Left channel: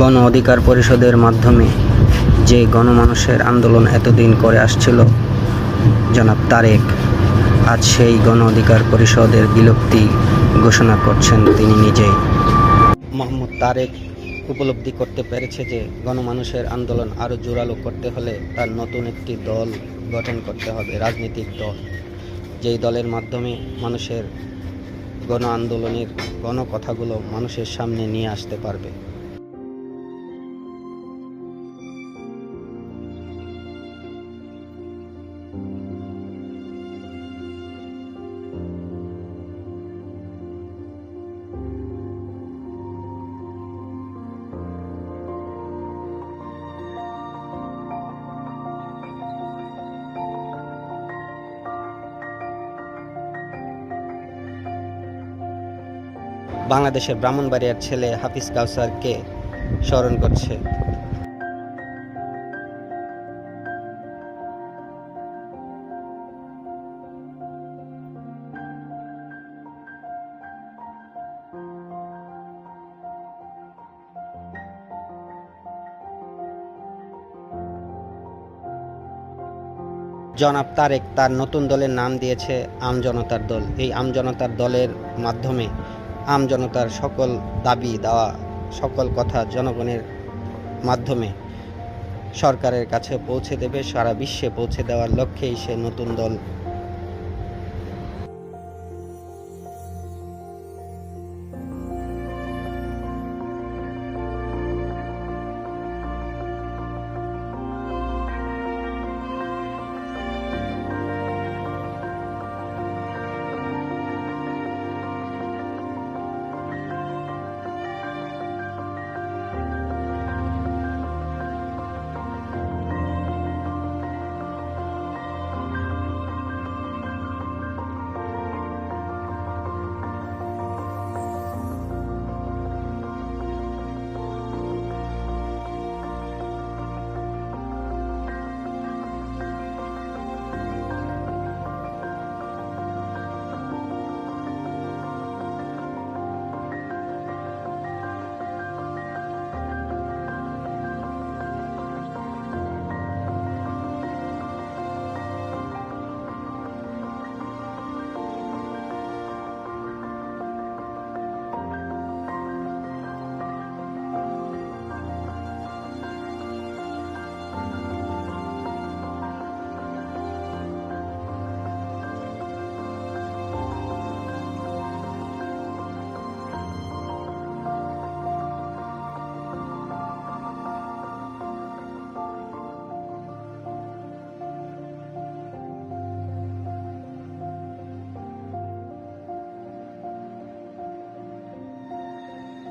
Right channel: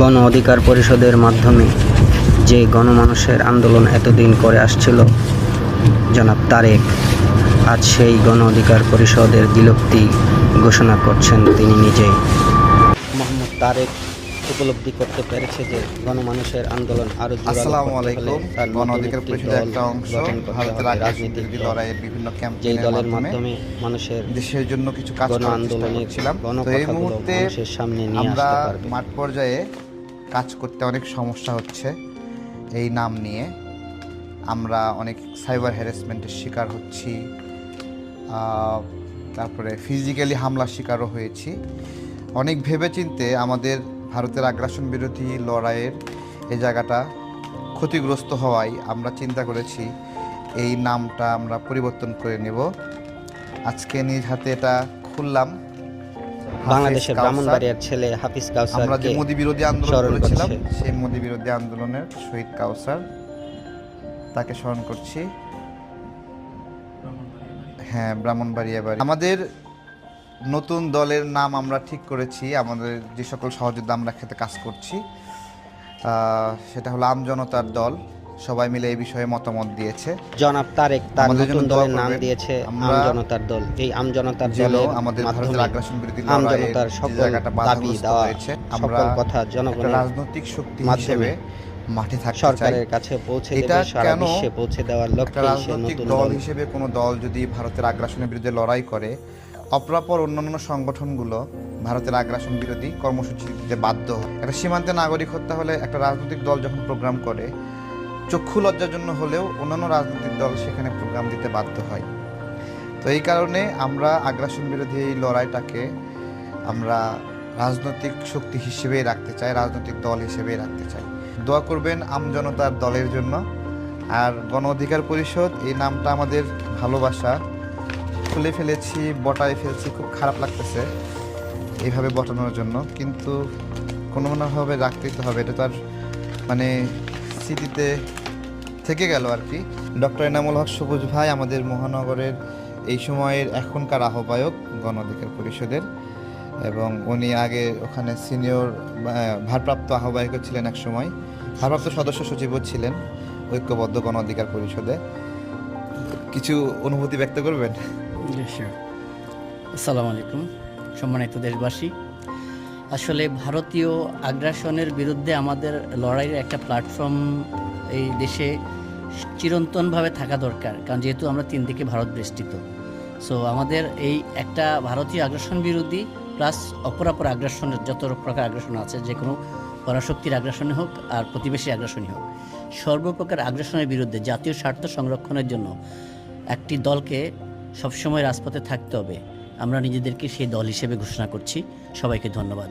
গণ অধিকার পরিষদের মাধ্যমে যে গণমানুষের আন্দোলন এতদিন করে আসছিল, জনাব তারেক, আজ সেই গণ অধিকার পরিষদের বিলুপ্তি ঘোষণা করছেন তিনি নিজেই। মোহাম্মদ তারেক উপলব্ধি করতে পেরেছে যে গণমানুষের আন্দোলন আরও জোরালো করতে হলে তার নতুন একটি দল গঠন করতে হবে রাজনৈতিক দল। যেই দলের মাধ্যমে মানুষের দেশের জন্য কিছু কাজ গণ আন্দোলনের। গণকথাগুলো মানুষের সামনে নিয়ে আসতে পারবে। মাঠ পর্যায়ে কাজ করতে অনেক সমস্যা হচ্ছে। এই নাম নিয়ে আমরা অনেক সাইবার হ্যারাসমেন্টের শিকার হচ্ছি। তারপরে ফিজিক্যালি হামলার শিকারও হয়েছি। অনেক ভেবেচিন্তে আমাদের ভারতের আগ্রাসন বিরোধী লড়াইয়ের এই জায়গাটা ক্ষতিগ্রস্ত হওয়ায় আমরা চিন্তা করেছি এই নামটা আমরা পরিবর্তন করে নেব। আজকে নিজ হাতে এটা খুললাম। বাংলাদেশের ব্রাহ্মণবাড়িয়ার ছেলে হাফিজ কাউসারকে যে বিরোধী আন্দোলন স্মরণ করছে। সেই মোদি বিরোধী আন্দোলনের শহীদ কাউসার তাকে স্মরণ করছি। হ্যাঁ ব্রাহ্মণবাড়িয়া বাড়ি। আমাদের নতুন দলের নাম আমরা ঠিক করেছি আমাদের যে সকল সহযোদ্ধা আমরা খেতে কাজ করছি সেটা হলো আমজনতার দল সবাই মিলে এই বিষয়ে মতামত দিয়েছে। জনাব তারেক তার নতুন দলের নাম দিয়েছে আমজনতার দল। এই আমজনতার দলের মাধ্যমে আমজনতার সকল দাবি দেওয়া সকল কথা জনগণের মাধ্যমে মাঠে চাই। সরকারের কাছে পৌঁছে দেবে সারা বিশ্বে পৌঁছে দেওয়ার লক্ষ্যে সে নতুন দল দল। হিসেবে কোনো দল যদি ভারতের আগ্রাসনের বিরুদ্ধে লড়াই করে অপরাপর অন্যান্য সংগঠনগুলো ভারতের আগ্রাসন বিরোধী কর্মসূচি দিতে বাধ্য। একটা সীমান্তে নাগরিক হত্যা হলে একটা রাজনৈতিক দল যখন প্রোগ্রাম করে, চক্ষু লজ্জার জন্য হলেও অন্যান্য রাজনৈতিক দল সেখানে প্রোগ্রাম দিতে বাধ্য হয়। তো এই কারণে আমরা আগ্রাসন বিরোধী এই লড়াইটাকে আমরা রাজনৈতিক শক্তি হিসেবেই রাখতে চাই, রাজনৈতিক দল হিসেবেই রাখতে চাই। দোয়া করবেন আমজনতার দলের জন্য। আর গণ অধিকার পরিষদ, এই নামটা আমাদের ভালোবাসা। খুলে ফেলেছি, বটায় ফেলছি, খুব খারাপ লাগতেছে এইভাবে বটানোর জন্য। কিন্তু কোনো কোনোভাবে রাখতেই তো হবে, এটা তো আর মানে স্মৃতিতে থেকে গেল আর কি। ডক্টর এনামুল হক, সবুজ ভাই, আমাদের মহানগরের এই সময়ের এখনকার আহ্বায়ক গণ পরিষদের। এবং উনি আগে ওখানে সিনিয়র ভারপ্রাপ্ত আহ্বায়কও ছিলেন এক সময়। ভারপ্রাপ্ত সদস্য সচিবও ছিলেন ঐক্যবদ্ধ গণ অধিকার পরিষদে। কিছু অনুভূতি ব্যক্ত করবেন? আসসালামু আলাইকুম, সম্মানিত দেশবাসী। আসলে ভারতীয় আগ্রাসনের বিরুদ্ধে আমাদের লড়াইয়ের একটা প্ল্যাটফর্ম এই দেশে চিরন্তনভাবে থাকা দরকার, কারণ যেহেতু আমরা তিন দিকে ভারত বেষ্টিত। সো আমাদের এই একটা ভারতীয় আগ্রাসন বিরোধী প্লাস অপরাপর আগ্রাসনের, যত প্রকার আগ্রাসন আছে যে কোনো পরাশক্তির আগ্রাসনে হোক আর প্রতিবেশী আগ্রাসনই হোক, সর্বপ্রকার আগ্রাসনের বিরুদ্ধে জাতীয় স্বার্থ সংরক্ষণের জন্য একটি দলকে সবসময় রাজপথে থাকতে হবে। আমরা নিজেদেরকে সেই দল হিসেবে ঘোষণা করছি। সবাইকে ধন্যবাদ।